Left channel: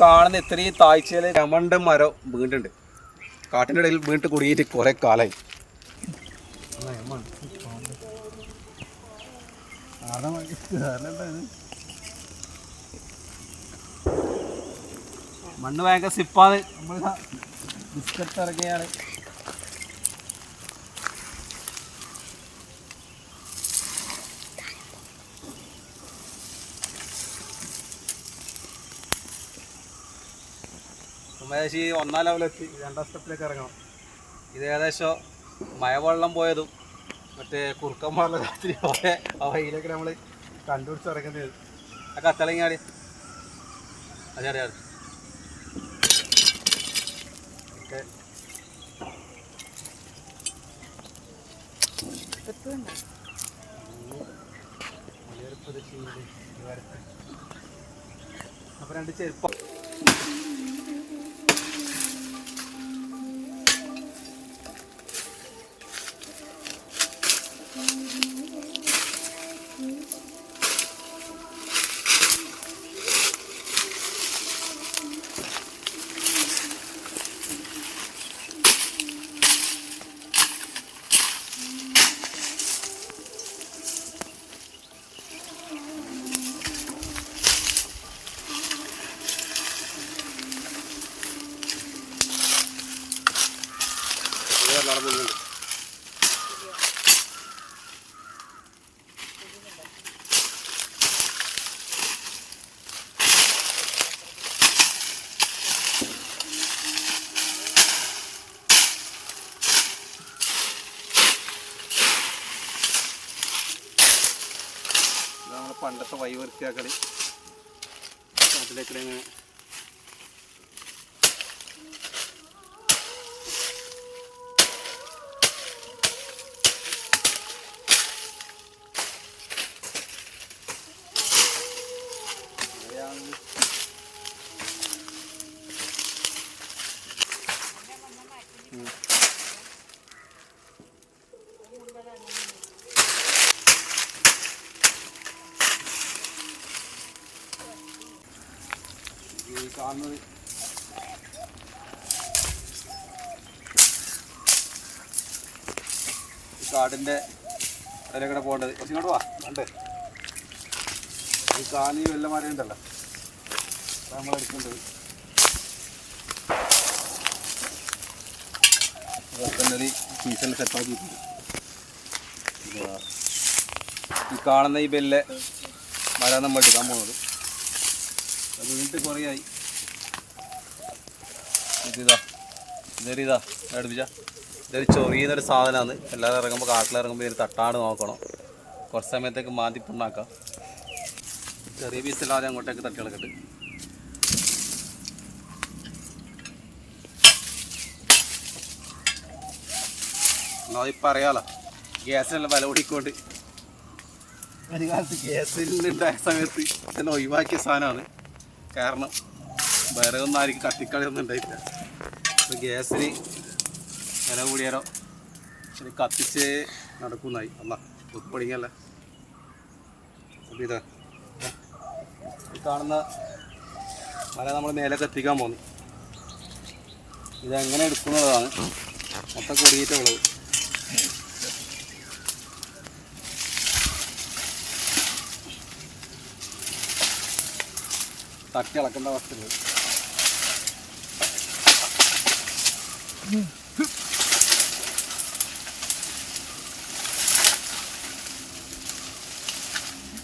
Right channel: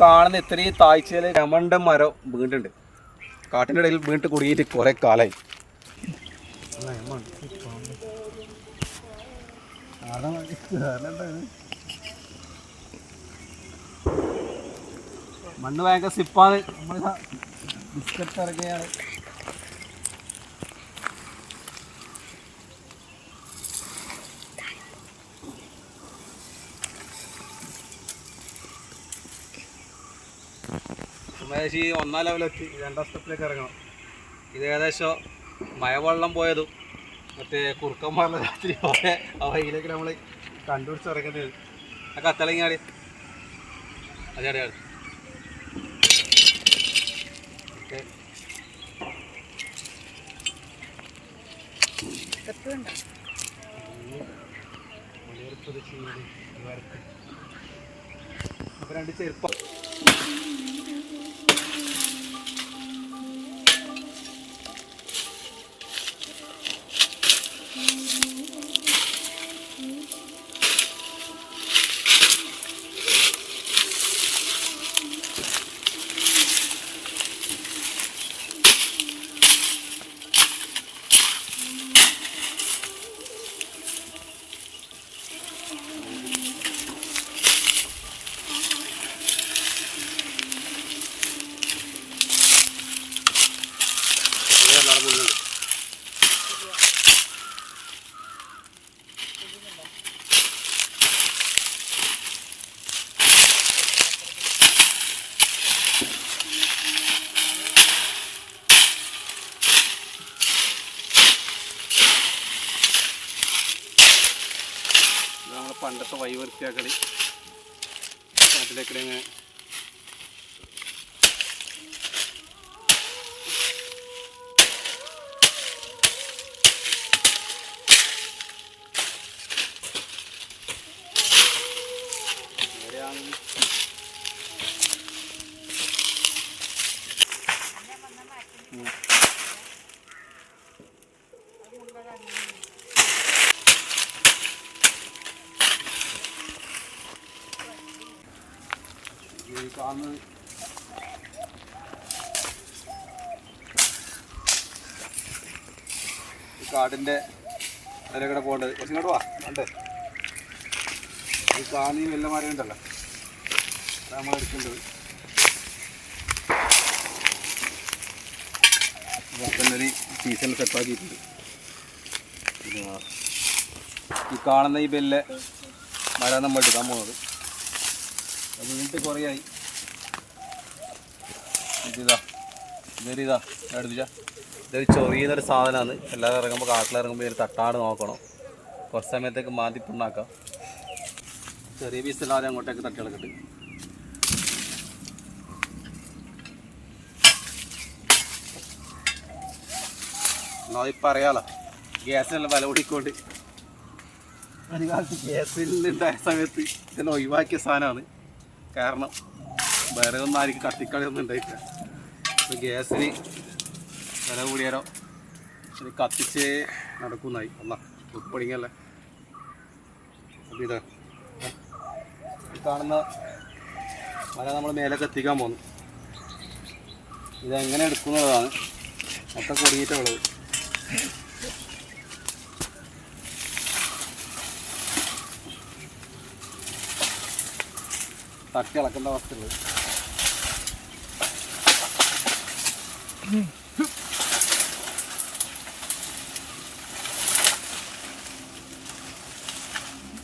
കാണുന്ന ഇത്രയും താഴ്ചയിൽ രമണ്ട മരം വീണ്ടുണ്ട്. കാട്ടിൻ്റെ ഇടയിൽ വീണ്ടും കുടുങ്ങിയിട്ട് കുറെ കാലായി. മണ്ണ് ഭയങ്കര സിപ്പാണ്. നമ്മൾ ബിസ്ക്കറ്റ് ഇറങ്ങിയാണ്. ഏകദേശം ഈ 1ാം ലെവലെത്തി 2ാം സ്റ്റെപ്പിലേക്ക് ഇറങ്ങണം. ഇത് ഏകദേശം മഴവെള്ളം പോയതും മറ്റേ കുറുക്കന്മാരുടെ രാത്രി പോയ ആ വഴിയിലേക്ക് നമ്മൾ കണ്ടുപിടിച്ചിറങ്ങുന്നത്. ആ കത്തളങ്ങിയാടി അതെ ഓക്കെ. അപ്പോൾ 2 ചെരുപ്പം നടക്കുന്നുണ്ട്. നമ്മളെ പണ്ടത്തെ വഴി വൃത്തിയാക്കളി കാട്ടിലേക്കിടെ ഇങ്ങനെ കാണുന്നത് ഈ കാടിൻ്റെ ഇടയിലൂടെ പോകേണ്ടത്. കുറച്ച് ഇങ്ങോട്ട് വാ. കണ്ടേ ഈ കാണി വെല്ല മരം ഉണ്ടല്ലോ, അതാണ് നമ്മൾ എടുക്കേണ്ടത്. ഒരു സീസണിൽ സെറ്റാക്കിയിട്ടുണ്ട്. ഈ കാണുന്ന ഈ ബെല്ലെ മരം നമ്മൾ എടുക്കാൻ പോകുന്നത്. അത് വീട്ടിൽ കുറേയായി. ഇതാ എടുപ്പിച്ച ഇതൊരു ചൊറിയുന്നൊരു സാധനമാണ്. എല്ലാവരും ഇറങ്ങുമ്പോൾ കാട്ടിലിറങ്ങുമ്പോൾ ഇതിൽ തട്ടാണ്ട് നോക്കണം. കുറച്ച് സമയത്തേക്ക് മാറ്റി പുണ്ണാക്കാം. ചെറിയ പീസ് എല്ലാവരും അങ്ങോട്ടേക്ക് തട്ടി ഇളക്കിട്ട് എന്നാൽ ഇപ്പം അറിയാമല്ലോ ഗ്യാസിനെല്ലാം വില കൂടിക്കൊണ്ട്. ഒരു കാലത്ത് ഗ്യാസിലുണ്ടായ സമയത്ത് ഇതെല്ലാം ഒഴിവാക്കിയ സാധനമാണ്. കാരണം വേറെ ഒന്നും ആയിരിക്കും കത്തിക്കളിയൊന്നും ഉണ്ടായിട്ടില്ല. അപ്പോൾ ഗ്യാസിന് വില കൂടിയാലോ ഇത് കത്തിച്ചേ നടക്കുന്നതായി. അല്ല ഉൾപ്പടിങ്ങല്ലേ. അപ്പോൾ ഇതാ ഈ കാണുന്ന മല നമ്മൾ മേലേക്ക് എത്തിക്കാൻ പോകുന്നു. ഇതെങ്ങനെ എടുക്കുന്നതാണ് മൊത്തം കൊടിയിട്ടുള്ളത്. തട്ടി ഇളക്കേണ്ട അവസ്ഥയുള്ളത്.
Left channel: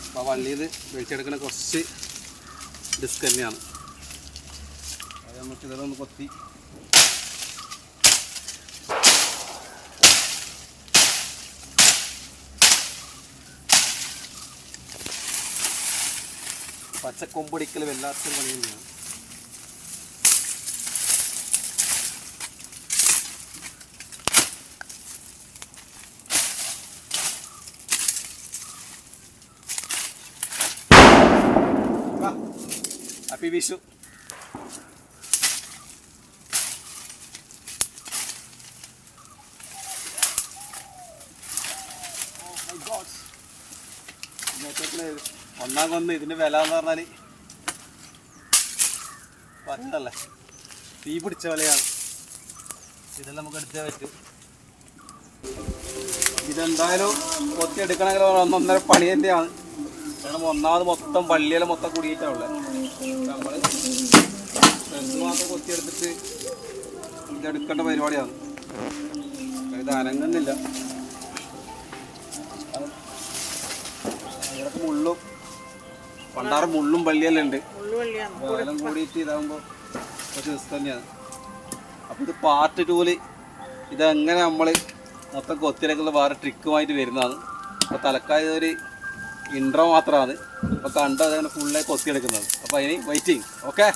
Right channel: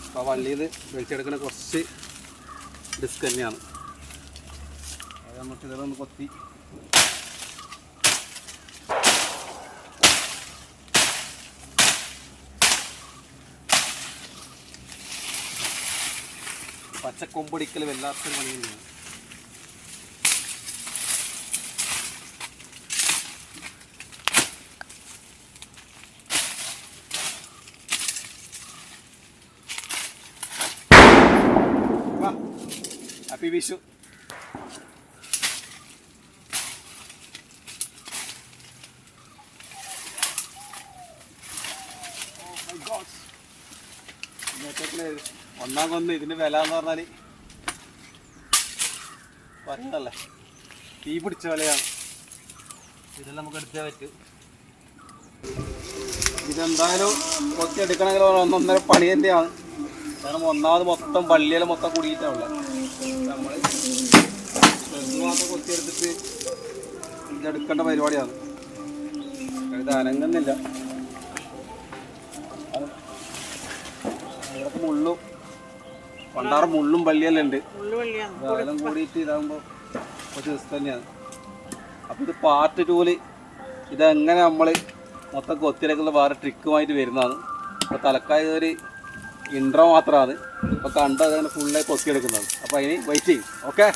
അപ്പോൾ വള്ളിയിൽ വലിച്ചെടുക്കുന്ന കുറച്ച് ഡിസ്ക് തന്നെയാണ്. അത് നമുക്ക് ഇതിലൊന്ന് കൊത്തി പച്ചക്കൊമ്പൊടിക്കൽ വല്ലാത്തൊരു പണി തന്നെയാണ്. ഹാപ്പി വിഷു. ഒന്നാം കൊന്ന് ഇതിൻ്റെ വില എന്ന് പറഞ്ഞാൽ പറഞ്ഞതല്ലേ തീ പിടിച്ച പോലെയാണ്. ഇതെല്ലാം നമുക്ക് എടുത്തേ പറ്റും. ഇതെന്തായാലും കൊത്തിയെടുക്കണമെങ്കിൽ 1.5 പണി തന്നെയാണ്. കാരണം ഒന്നാമത് മൊത്തം പള്ളിയിലെ മൊത്തം കുടിയിട്ടാണുള്ളത്. നമ്മൾ ചെറുത് മാത്രം കൊത്തിയെടുത്തിട്ട് ഇതെടുക്കേണ്ട പരിപാടിയാണ്. ഇത് അനങ്ങുന്നില്ല. അതിലൊക്കെ മുള്ളും പണ്ടാറ് മുള്ളും പള്ളിയെല്ലാം ഉണ്ട്. അതെല്ലാം കൂടിയിട്ട് ഇതാകുമ്പോൾ കുറച്ച് റിസ്ക് തന്നെയാണ്. അപ്പോൾ ഇത് പാർട്ട് 2 ഇതെങ്ങനെ നമ്മൾ മൊത്തം കൊത്തിയിലേക്കുള്ള വേറെ ട്രിക്കുമായിട്ട് വരുന്നതാണ്. അപ്പോൾ തലക്കായ ഒരു ഇൻട്രോ മാത്രമാണ്. അപ്പോൾ കണ്ടത് അങ്ങനെ ഫുള്ളായി കൊത്തിയെടുക്കുന്നത്. അപ്പോൾ അതിന് വെയിറ്റ് ചെയ്യും. ഓക്കെ.